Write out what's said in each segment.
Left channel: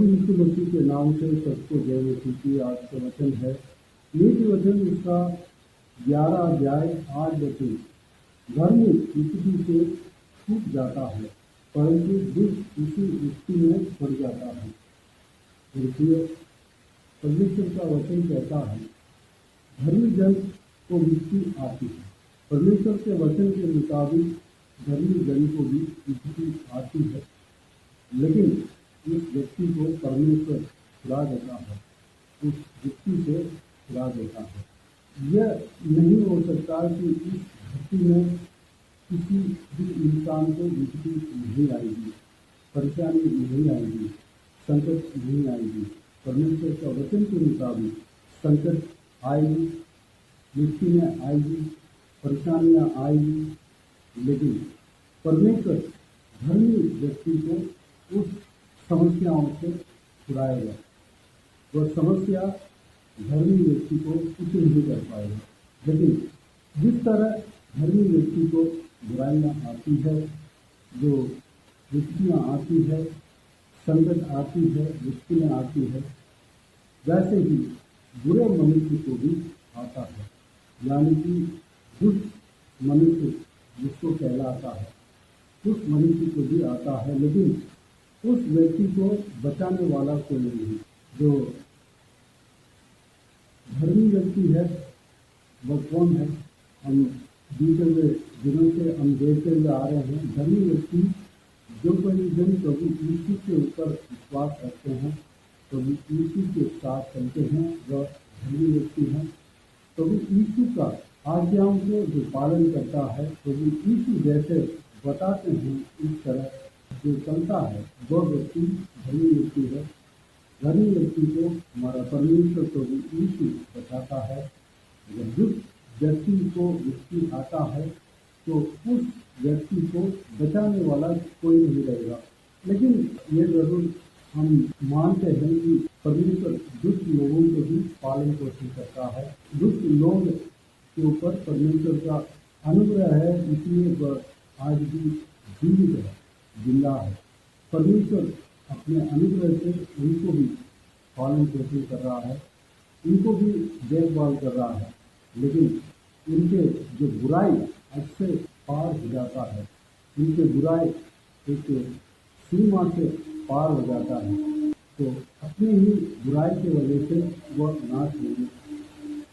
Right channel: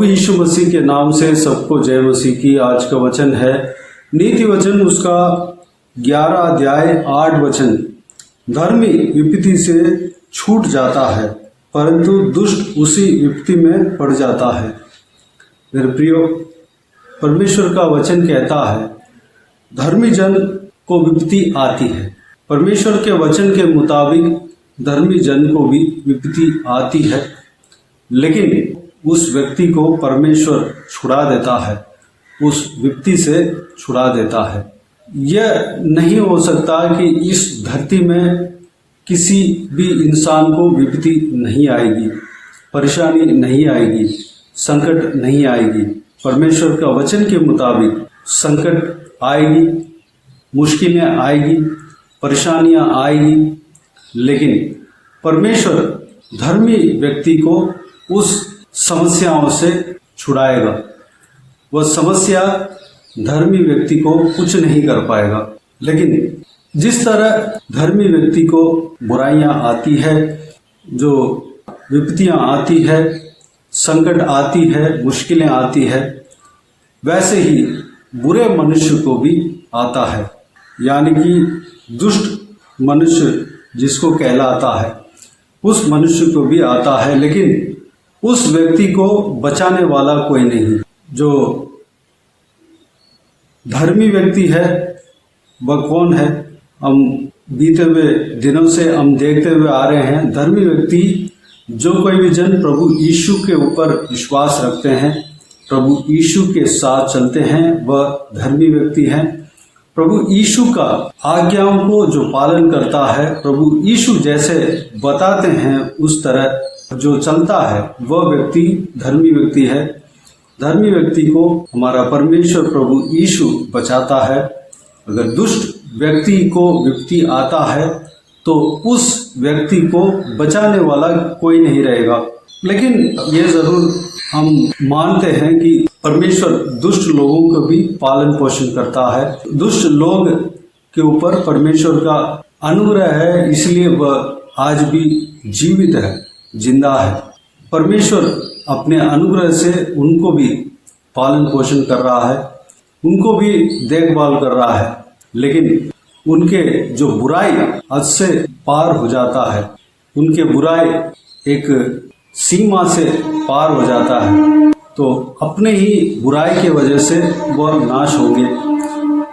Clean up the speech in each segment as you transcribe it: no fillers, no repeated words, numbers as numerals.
प्रभु यीशु मसीह के नाम से सबको जय मसीह की। आज का वचन है नीति वचन उसका 11 अध्याय 8 वचन। धर्मी विपत्ति से छूट जाता है परंतु दुष्ट उसी विपत्ति में पड़ जाता है। मेरे प्रियो, परमेश्वर का वचन कहता है धर्मी जन को विपत्ति आती है। परमेश्वर के वचन के मुताबिक धर्मी जन को भी विपत्ति आती है, लेकिन उस व्यक्ति को परमेश्वर छुड़ा देता है, उस विपत्ति से छुड़ा देता है। यह नहीं हो सकता कि इस धरती में किसी भी इंसान को विपत्ति नहीं आएगी, परेशानी नहीं आएगी, संकट नहीं आएगी। परमेश्वर का वचन के मुताबिक संकट आएगी, मुश्किलें आएगी, परेशानियां आएगी, लेकिन परमेश्वर धर्मी व्यक्ति को उस समस्याओं से छुड़ाएगा। वह समस्या धर्मी व्यक्ति को कुछ नहीं कर पाएगा। लेकिन जिस तरह धर्मी व्यक्ति को बुराइयां आती है, जो विपत्तियां आती है, संकट आती है, मुश्किलें आती है, वैसे ही बुरे मनुष्य को भी आता है। यानी कि दुष्ट मनुष्य जिसको कहलाता है, उस मनुष्य को भी आता है, लेकिन उस व्यक्ति को बचाने वाला कोई नहीं। जो धर्मी व्यक्ति है वह कौन है? हम बीते हुए दिनों से हम देखते हुए आ रहे हैं, धर्मी व्यक्ति जो कोई भी जन प्रभु यीशु के ऊपर विश्वास रखते हैं, प्रभु यीशु के साथ चलते हैं, वह धर्मी व्यक्ति हैं। प्रभु यीशु का आज्ञाओं को जो पालन करता है, प्रभु यीशु जैसे बताते हैं उस तरह जो चलता है, वह व्यक्ति धर्मी व्यक्ति है। धर्मी व्यक्ति को हमारा परमेश्वर प्रभु यीशु बचाता है। अगर दुष्ट व्यक्ति को विपत्ति आता है तो उस व्यक्ति को बचाने वाला कोई नहीं रहेगा। लेकिन ये जरूर हम मानते हैं कि परमेश्वर दुष्ट लोगों को भी पालन पोषण करता है। दुष्ट लोग के ऊपर परमेश्वर का अनुग्रह है, इसलिए वह आज भी जीवित है, जिंदा है। परमेश्वर अपने अनुग्रह से उनको भी पालन पोषण कर रहा है, उनको भी देखभाल कर रहा है। लेकिन उनके जो बुराई हद से पार हो जाता है, उनके बुराई एक सीमा से पार हो जाता है, तो अपने ही बुराई की वजह से वह नाश होंगे।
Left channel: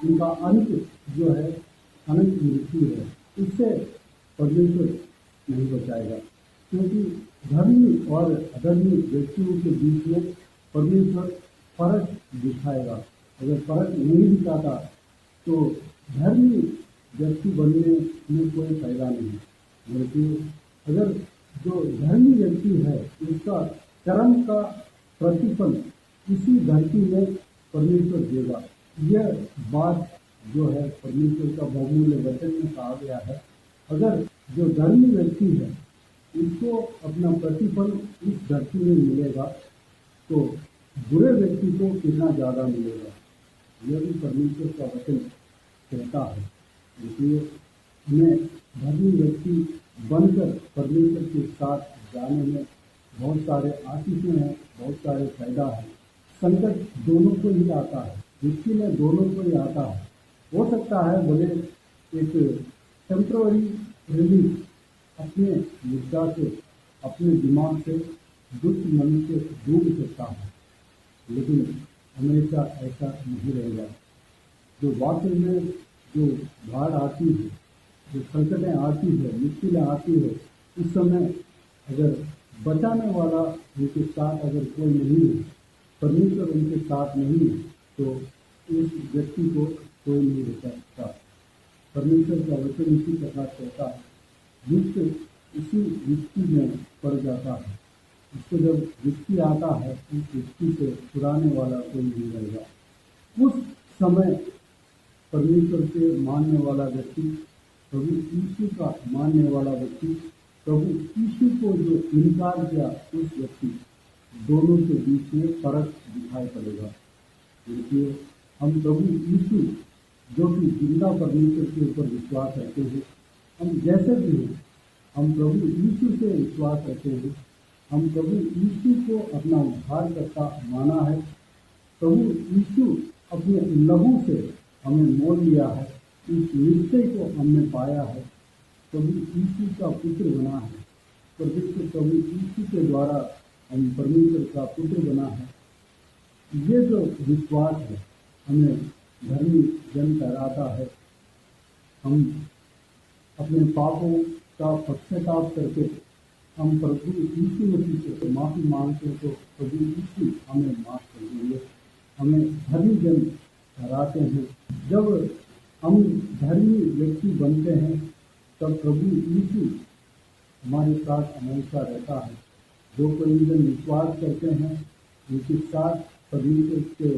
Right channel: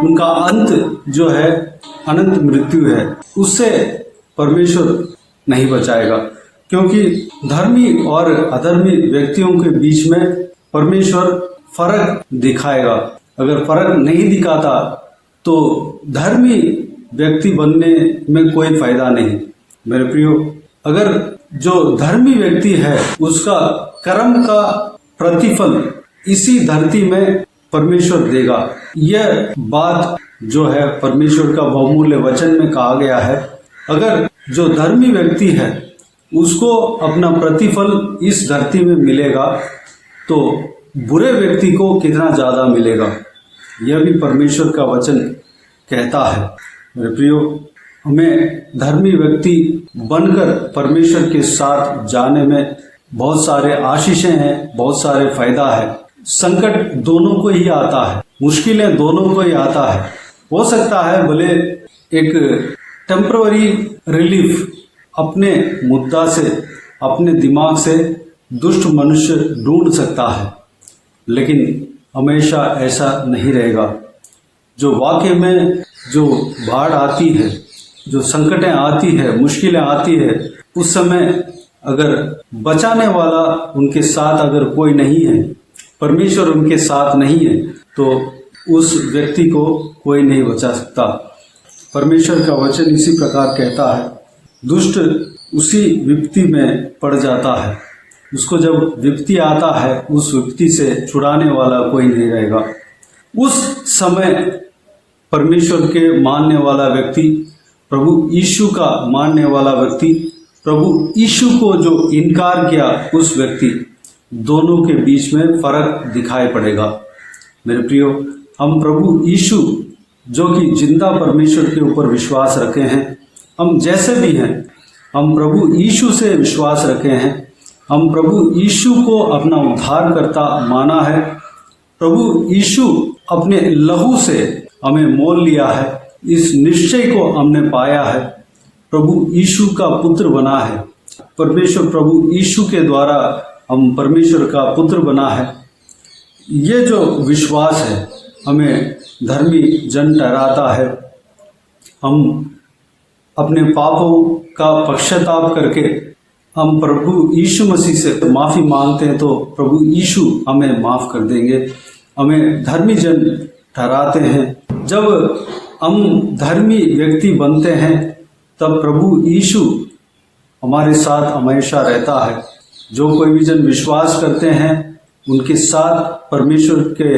उनका अंत जो है अनंत मृत्यु है, उससे परमेश्वर नहीं बचाएगा। क्योंकि धर्मी और अधर्मी व्यक्तियों के बीच में परमेश्वर फर्क दिखाएगा। अगर फर्क नहीं दिखाता तो धर्मी व्यक्ति बनने में कोई फायदा नहीं। मेरे प्रियो, अगर जो धर्मी व्यक्ति है उसका कर्म का प्रतिफल इसी धरती में परमेश्वर देगा। यह बात जो है परमेश्वर का बहुमूल्य वचन में कहा गया है। अगर जो धर्मी व्यक्ति है उसको अपना प्रतिफल इस धरती में मिलेगा तो बुरे व्यक्ति को कितना ज़्यादा मिलेगा, यह भी परमेश्वर का वचन कहता है। मेरे प्रियो, हमें धर्मी व्यक्ति बनकर परमेश्वर के साथ जाने में बहुत सारे आशीषें हैं, बहुत सारे फायदा है। संकट दोनों को ही आता है, मुश्किलें दोनों को ही आता है। हो सकता है भले एक टेम्पररी रिलीफ अपने मुद्दा से, अपने दिमाग से दुष्ट मनुष्य ढूंढ सकता है, लेकिन हमेशा ऐसा नहीं रहेगा। जो वाकई में जो बाढ़ आती है, जो संकटें आती है, मुश्किलें आती है, उस समय अगर बचाने वाला उनके साथ अगर कोई नहीं है, परमेश्वर उनके साथ नहीं है, तो उस व्यक्ति को कोई नहीं बचा सकता। परमेश्वर का वचन इसी प्रकार कहता है, दुष्ट उसी विपत्ति में पड़ जाता है। उसको जब विपत्ति आता है, उस विपत्ति से छुड़ाने वाला कोई नहीं रहेगा। उस समय परमेश्वर के मानने वाला व्यक्ति, प्रभु यीशु का मानने वाला व्यक्ति, प्रभु यीशु को जो इनकार किया उस व्यक्ति, दोनों के बीच में फर्क दिखाई पड़ेगा। मेरे प्रियो, हम प्रभु यीशु जो कि जिंदा परमेश्वर के ऊपर विश्वास रखे हैं, हम जैसे भी हैं, हम प्रभु यीशु से विश्वास रखे हैं, हम प्रभु यीशु को अपना उद्धारकर्ता माना है। प्रभु यीशु अपने लहू से हमें मोल लिया है, इस निश्चय को हमने पाया है। प्रभु यीशु का पुत्र बना है। परमेश्वर प्रभु यीशु के द्वारा हम परमेश्वर का पुत्र बना है। ये जो विश्वास है हमें धर्मी जन ठहराता है। हम अपने पापों का पश्चाताप करके हम प्रभु यीशु मसीह से माफ़ी मांगते हैं तो प्रभु यीशु हमें माफ़ कर देंगे, हमें धर्मी जन ठहराते हैं। जब हम धर्मी व्यक्ति बनते हैं तब प्रभु यीशु हमारे साथ हमेशा रहता है। जो कोई भी जन विश्वास करते हैं उनके साथ परमेश्वर के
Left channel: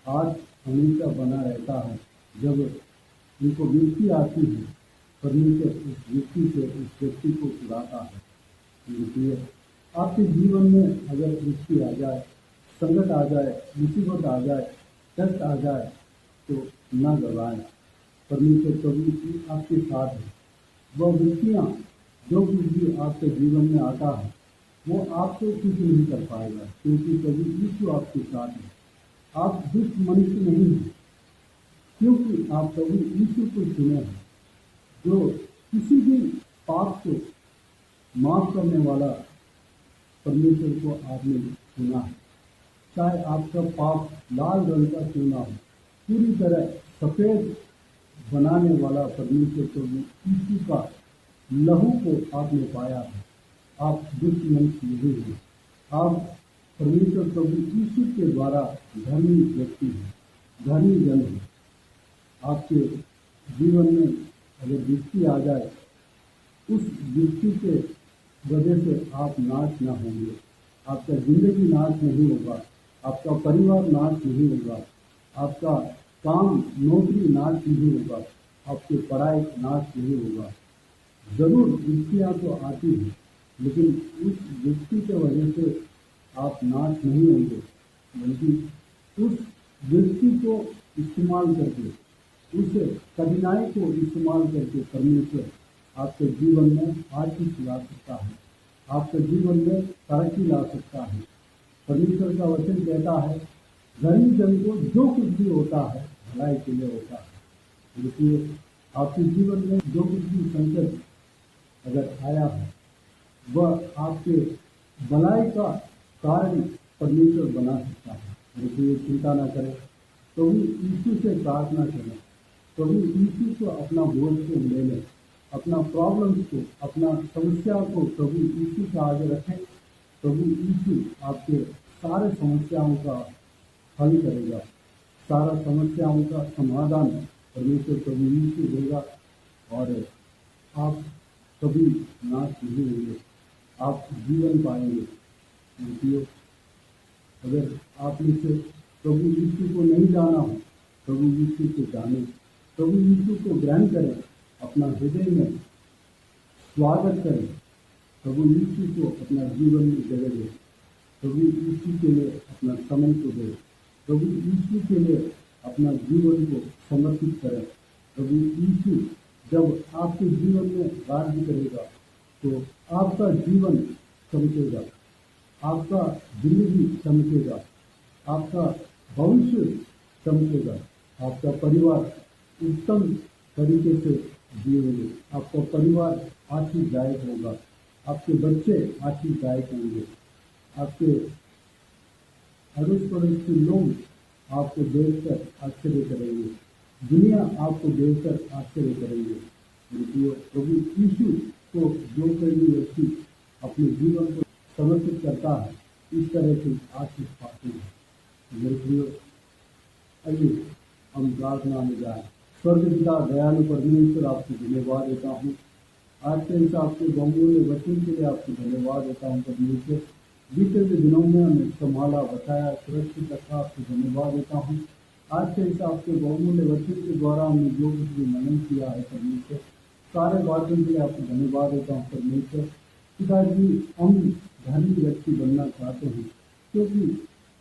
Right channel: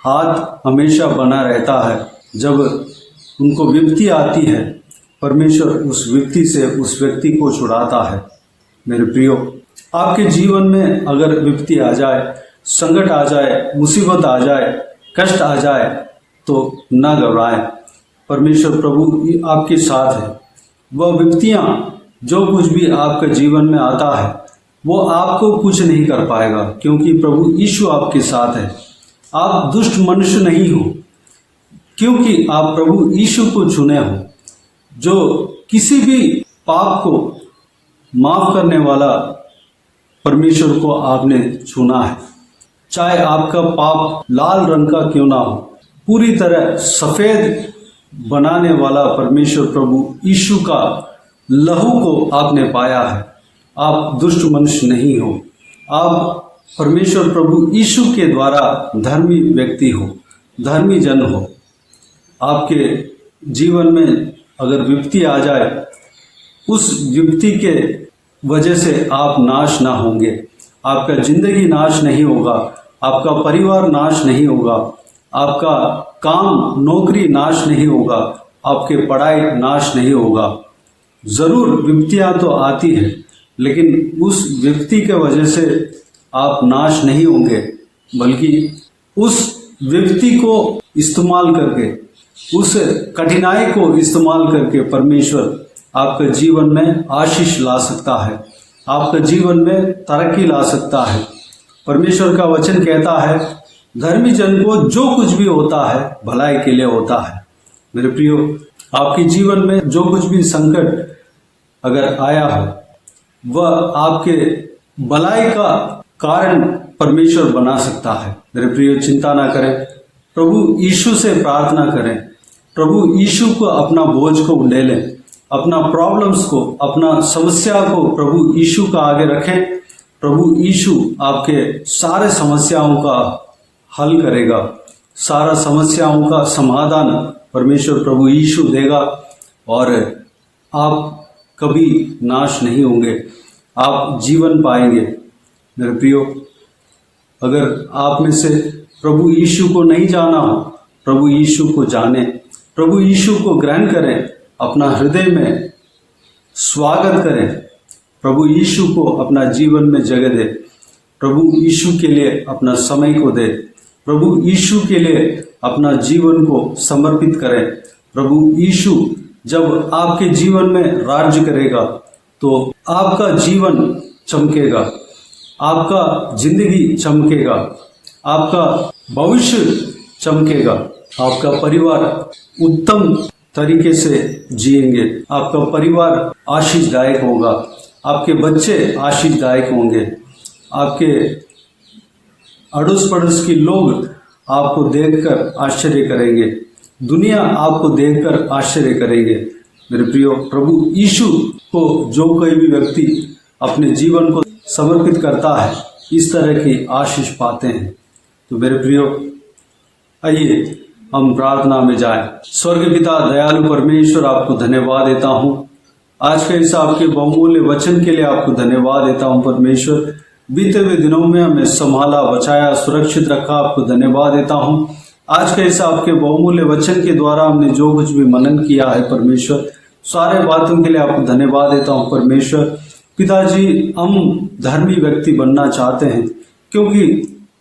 हाथ हमेशा बना रहता है। जब उनको विपत्ति आती है परमेश्वर उस विपत्ति से उस व्यक्ति को छुड़ाता है। मेरे प्रियो, आपके जीवन में अगर विपत्ति आ जाए, संकट आ जाए, मुसीबत आ जाए, कष्ट आ जाए तो न घबराएं। परमेश्वर प्रभु आपके साथ है। वह विपत्तियाँ जो कुछ भी आपके जीवन में आता है वो आपको कुछ नहीं कर पाएगा, क्योंकि प्रभु यीशु आपके साथ है। आप दुष्ट मनुष्य नहीं हो, क्योंकि आप प्रभु यीशु को चुने हो, जो किसी भी पाप को माफ करने वाला परमेश्वर को आपने चुना है। चाहे आपका पाप लाल रंग का क्यों ना हो, पूरी तरह सफ़ेद बनाने वाला परमेश्वर प्रभु यीशु का लहू को आपने पाया है। आप दुष्ट मनुष्य नहीं हो, आप परमेश्वर प्रभु यीशु के द्वारा धर्मी व्यक्ति हो, धर्मी जन हो। आपके जीवन में अगर विपत्ति आ जाए, उस विपत्ति के वजह से आप नाश ना होंगे, आपका जिंदगी नाश नहीं होगा, आपका परिवार नाश नहीं होगा, आपका काम नौकरी नाश नहीं होगा, आपके पढ़ाई नाश नहीं होगा। ज़रूर विपत्तियाँ तो आती है, लेकिन उस विपत्ति के वजह से आप नाश नहीं होंगे, बल्कि उस विपत्ति को इस्तेमाल करके, उस कठिनाई को इस्तेमाल करके परमेश्वर आपके जीवन में आशीष ला सकता है, आपके जीवन में तरक्की ला सकता है। परमेश्वर का वचन कहता है धर्मी जन को जो कुछ भी होता है भलाई के लिए होता है। मेरे प्रियो, आपके जीवन में जो कुछ भी संकट अगर आया हो वह आपके भलाई का कारण परमेश्वर बना सकता है। मेरे प्रियो, चिंता ना करें, प्रभु यीशु से प्रार्थना करें, प्रभु यीशु को अपना बोझ को ले लें, अपना प्रॉब्लम्स को, अपना समस्या को प्रभु यीशु का आगे रखें। प्रभु यीशु आपके सारे समस्याओं का हल करेगा, सारा समस्याओं का समाधान परमेश्वर प्रभु यीशु देगा और आप कभी नाश नहीं होंगे, आप जीवन पाएंगे। मेरे प्रियो, अगर आप में से प्रभु यीशु को नहीं जाना हो, प्रभु यीशु को जाने, प्रभु यीशु को ग्रहण करें, अपना हृदय में स्वागत करें, प्रभु यीशु को अपना जीवन में जगह दे, प्रभु यीशु के लिए अपना समय को दे, प्रभु यीशु के लिए अपना जीवन को समर्पित करें। प्रभु यीशु जब आपके जीवन में राज्य करेगा तो आपका जीवन चमकेगा, आपका जिंदगी चमकेगा, आपका भविष्य चमकेगा, आपका परिवार उत्तम तरीके से जिएंगे, आपका परिवार आशीषदायक होगा, आपके बच्चे आशीषदायक होंगे, आपके अड़ोस पड़ोस के लोग आपको देखकर आश्चर्य करेंगे, दुनिया आपको देखकर आश्चर्य करेंगे। मेरे प्रियो, प्रभु यीशु को जो कोई भी व्यक्ति अपने जीवन को समर्पित करता है इस तरह की आशीष पाते हैं। तो मेरे प्रियो, आइए हम प्रार्थना में जाएं। स्वर्ग पिता दयालु परमेश्वर, आपको धन्यवाद देता हूँ आज के इस आपके बहुमूल्य वचन के लिए, आपको धन्यवाद देता हूँ परमेश्वर। बीते हुए दिनों में हमें संभाला, बचाया, सुरक्षित रखा, आपको धन्यवाद देता हूँ। आज के इस आपके बहुमूल्य वचन के द्वारा हमने जो कुछ भी मनन किया है परमेश्वर, सारे बातों के लिए आपको धन्यवाद देता हूँ परमेश्वर। पिताजी, हम धर्मी व्यक्ति बनना चाहते हैं, क्योंकि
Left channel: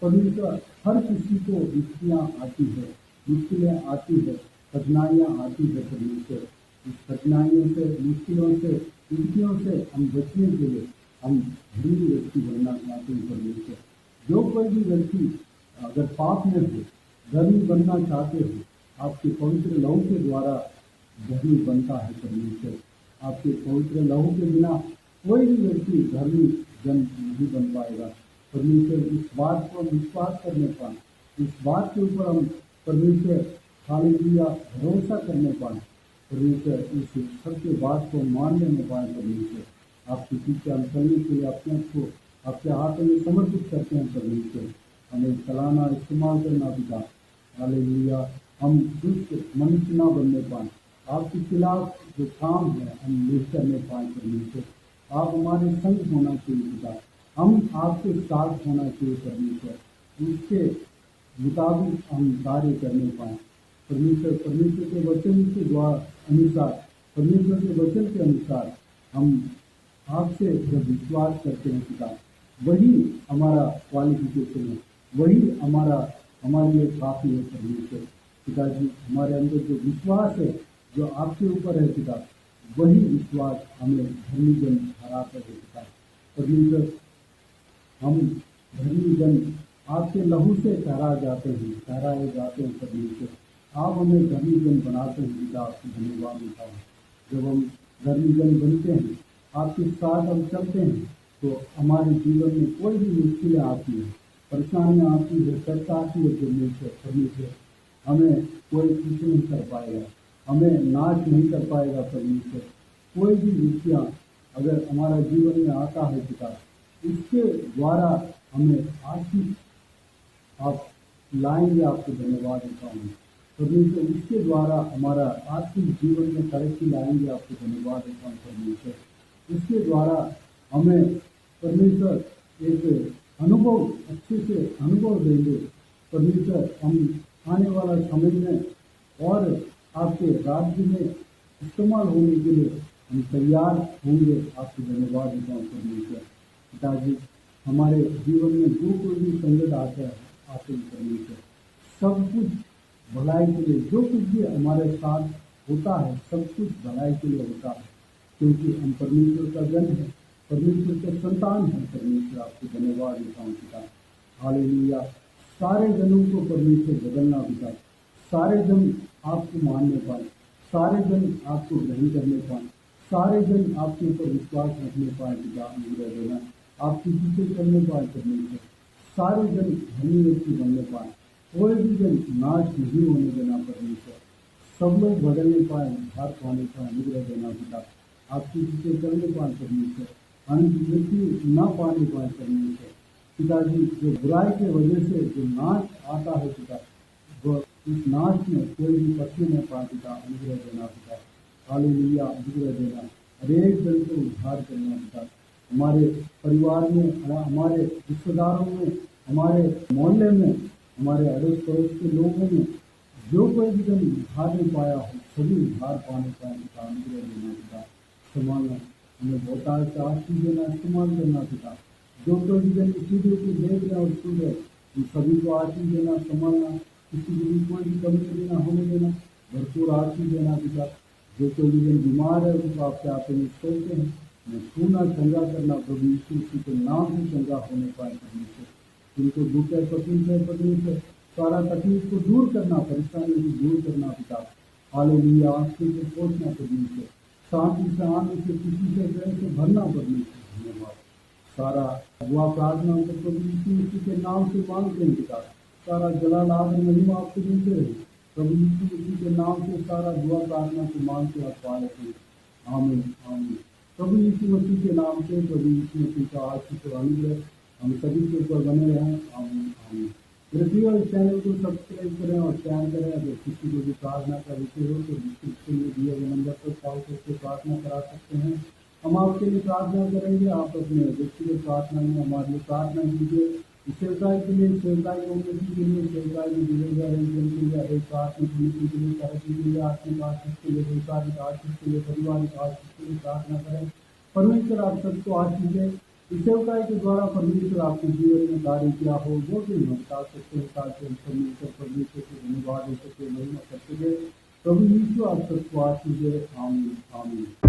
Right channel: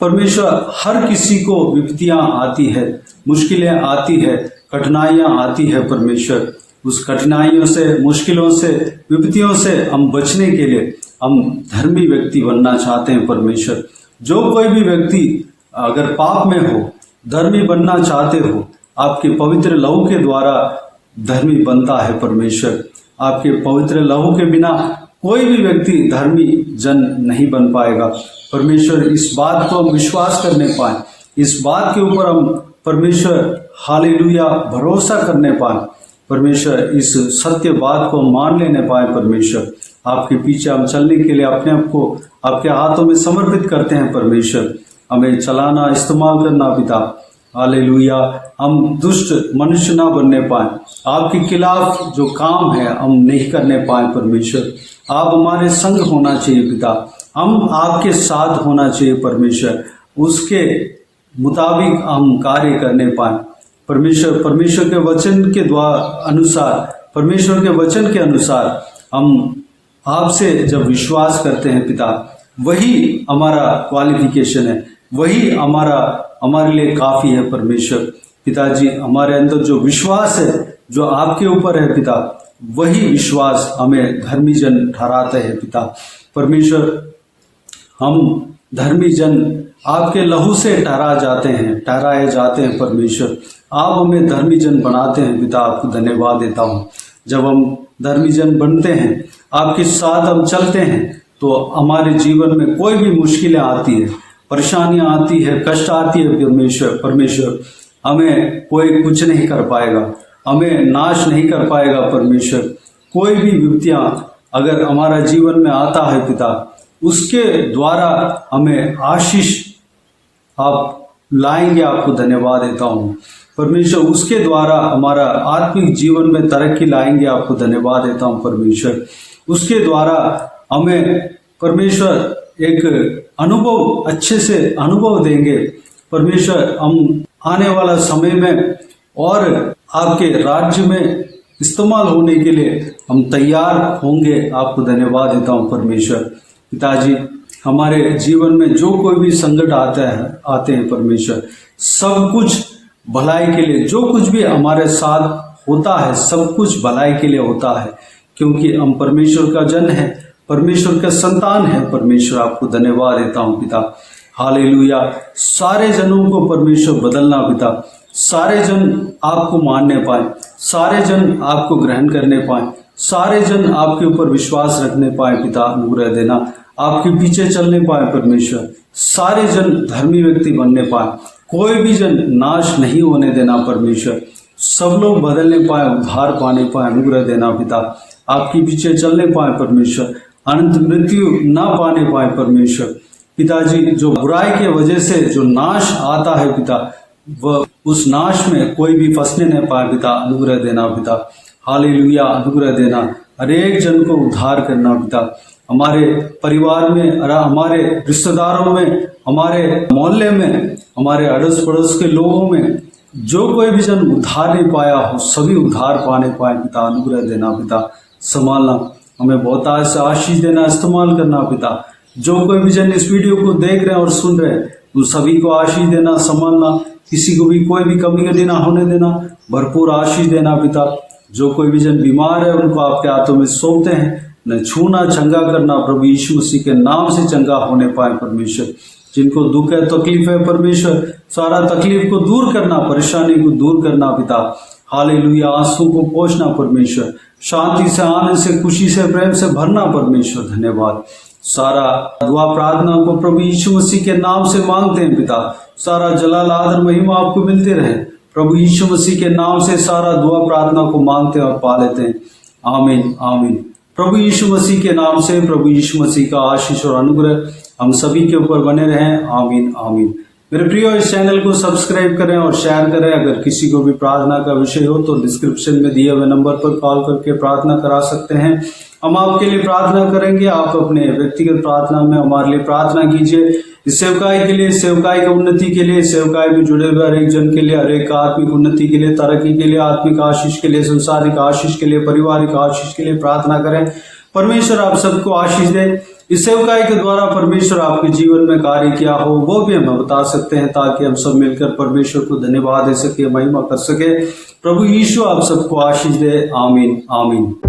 परमेश्वर हर किसी को विपत्तियाँ आती है, मुश्किलें आती है, कठिनाइयाँ आती है परमेश्वर। उस कठिनाइयों से, मुश्किलों से, विपत्तियों से हम बचने के लिए हम धर्मी व्यक्ति बनना चाहते हैं परमेश्वर। जो कोई भी व्यक्ति अगर पाप में हो, धर्मी बनना चाहते हो, आपके पवित्र लहू के द्वारा धर्मी बनता है परमेश्वर। आपके पवित्र लहू के बिना कोई भी व्यक्ति धर्मी जन नहीं बन पाएगा परमेश्वर। इस बात को हम विश्वास करने पाए, इस बात के ऊपर हम परमेश्वर हालेलुया भरोसा करने पाए परमेश्वर, इस सत्य बात को मान लेने पाए परमेश्वर। आपके पीछे हम चलने के लिए अपने आप को आपके हाथों में समर्पित करते हैं परमेश्वर। हमें चलाना, इस्तेमाल करना पिता, हालेलुया। हम दुष्ट मनुष्य ना बनने पाए, आपके खिलाफ जो काम है हम नहीं करने पाए परमेश्वर। आप हमारे संग होना चाहिए पिता, हम आपके साथ होना चाहिए परमेश्वर, उसके मुताबिक हम कार्य करने पाए परमेश्वर। परमेश्वर के वचन के द्वारा अनुसार, परमेश्वर के वचन के अनुसार हम आपसे जब विश्वास करते हैं पिता, वही हमारा क्वालिफिकेशन है, वही हमारे लिए काफ़ी है परमेश्वर। पिताजी हमारे अंदर जो विश्वास है, जो आपके ऊपर है पिता, वही विश्वास हमें धर्मी जन ठहराता है पिता परमेश्वर। हम धर्मी जन आपके लहू से ठहराए जाते हैं परमेश्वर। आप हमें धर्मी जन बनाते हैं पिता, आपको धन्यवाद देता हूँ। जब हम धर्मी जन बनते हैं, आपके साथ हम चलते हैं, तो हमारे जीवन में कोई भी मुश्किलें आती है, परेशानियां आती है, कष्ट आती है परमेश्वर, हमें कोई कुछ नहीं कर पाएगा, हमें नाश नहीं कर पाएगा परमेश्वर। कोई भी विपत्तियां अगर हमारा जीवन में आता है पिता, उसके द्वारा हमें आशीष आप लाएंगे, आपको धन्यवाद देता हूँ परमेश्वर। उसके द्वारा हमारा आत्मिक जीवन में तरक्की लाएंगे, आपको धन्यवाद देता हूँ परमेश्वर। उसके द्वारा हमें परमेश्वर एक अनुभव, अच्छे से अनुभव देंगे परमेश्वर। हम आने वाला समय में और आपके राज्य में इस्तेमाल होने के लिए हम तैयार होंगे, आपको धन्यवाद देता हूँ परमेश्वर। पिताजी हमारे जीवन में जो कोई भी संकट आते हैं परमेश्वर, सब कुछ भलाई के लिए, जो कुछ भी हमारे साथ होता है सब कुछ भलाई के लिए होता है, क्योंकि हम परमेश्वर का जन है, परमेश्वर का संतान है परमेश्वर। आपको धन्यवाद देता हूँ पिता, हालेलुया। सारे जनों को परमेश्वर बदलना पिता, सारे जन आपको मानने पाए, सारे जन आपको ग्रहण करने पाए, सारे जन आपके ऊपर विश्वास रखने पाए पिता, अनुग्रह देना, आपके पीछे चलने पाए परमेश्वर। सारे जन धर्मी व्यक्ति बनने पाए, कोई भी जन नाश नहीं होने देना परमेश्वर। सब लोग बदलने पाए, उद्धार पाने पाए, अनुग्रह देना पिता, आपके पीछे चलने पाए परमेश्वर, अनंत मृत्यु ना पाने पाए परमेश्वर। पिताजी जो बुराई के वजह से जो नाश आता है पिता, वह उस नाश में कोई भी फंसने न पाए पिता, अनुग्रह देना पिता, हालेलुया। अनुग्रह देना, हर एक जन को उद्धार करना पिता, हमारे परिवार में, हमारे रिश्तेदारों में, हमारे मोहल्ले में, हमारे अड़ोस पड़ोस के लोगों में जो कोई भी जन उद्धार नहीं पाया हो, सभी उद्धार पाने पाए पिता, अनुग्रह देना पिता, संभालना, हमें बहुत से आशीष देना, इस्तेमाल करना पिता। जो कोई भी जन इस वीडियो को देख रहे हैं और सुन रहे हैं, उन सभी को आशीष देना, संभालना, किसी को भी कोई भी कमी कटी ना होने देना, भरपूर आशीष देना पिता। जो कोई भी जन बीमार है उनको आपके हाथों में सौंपते हैं, न छूना, चंगा करना प्रभु यीशु मसीह के नाम से चंगा होने पाए परमेश्वर। जिनको दुख है, तकलीफ है परमेश्वर, सारा तकलीफ को दूर करना, परेशानी को दूर करना पिता, हालेलुया। आंसू को पोंछना परमेश्वर, शांति से, आनंद से, खुशी से, प्रेम से भरना परमेश्वर, धन्यवाद। सारा दुआ प्रार्थना को प्रभु यीशु मसीह के नाम से मांगते हैं पिता, सारा जलाल आदर महिमा आपको मिलते रहे प्रभु यीशु मसीह के नाम से। सारा दुआ प्रार्थना को मांगते हैं और पा लेते हैं, आमीन आमीन। प्रभु यीशु मसीह के नाम से प्रभु यीशु मसीह का आशीष और अनुग्रह हम सभी के ऊपर बने रहें, आमीन आमीन। मेरे प्रियो, इस चैनल को सब्सक्राइब करें और शेयर करें। अगर किसी को भी प्रार्थना का विषय हो तो डिस्क्रिप्शन में दिए हुए नंबर पर कॉल करके प्रार्थना करा सकते हैं, हम आपके लिए प्रार्थना करेंगे। आप अपने व्यक्तिगत प्रार्थना में हमारे लिए प्रार्थना कीजिए, इस सेवकाई के लिए, सेवकाई की उन्नति के लिए, सेवकाई में जुड़े हुए हर एक जन के लिए, हर एक आत्मिक उन्नति के लिए, तरक्की के लिए, आत्मिक आशीष के लिए, संसारिक आशीष के लिए, पारिवारिक आशीष के लिए प्रार्थना करें। परमेश्वर आप सबको आशीष दे। इस सेवकाई के द्वारा परमेश्वर आपके जीवन में कार्य किया हो वो भी हमें बता सकते हैं, ताकि हम सब मिलकर परमेश्वर को धन्यवाद दे सके, महिमा कर सके। प्रभु यीशु आप सबको आशीष दे, आमीन आमीन।